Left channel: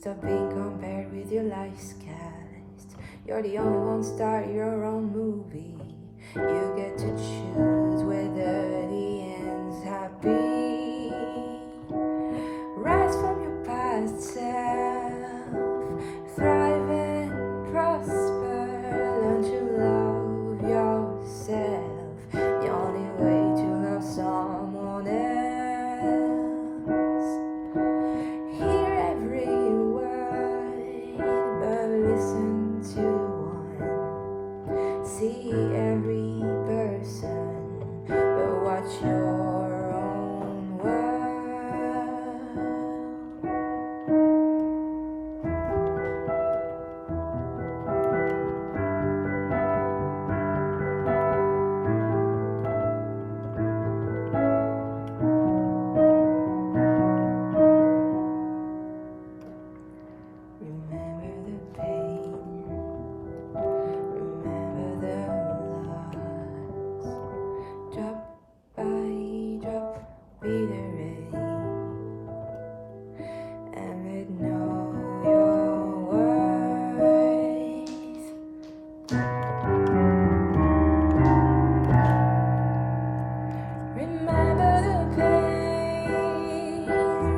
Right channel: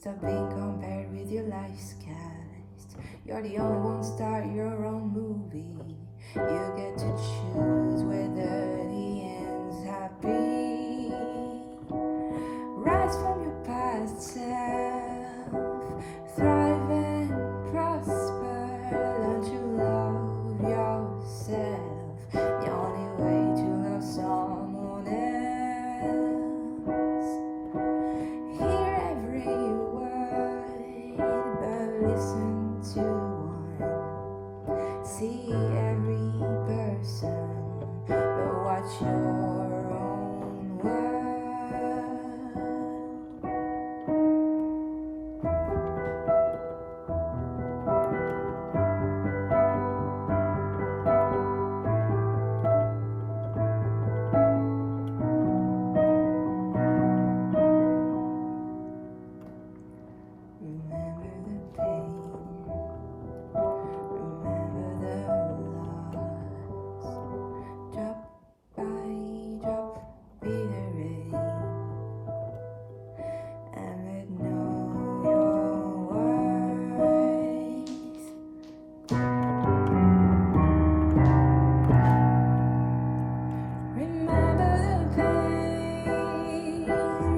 Stop being compared with your life's cast. You're the only one, start your own movie. You get to choose whether the end's happy. Rise from your past self, thrive and prosper. Learn to love yourself. The only way to love someone else. Hear every word, but listen to one. See every person, but watch your own world. Remember the pain, remember the loss. Drop by drop, be the rain, and let know your worth. Remember the pain,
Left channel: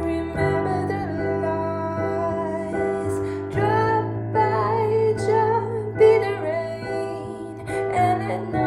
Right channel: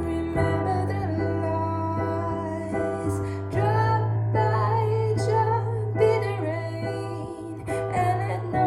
remember the loss. Drop by drop, be the rain, and let know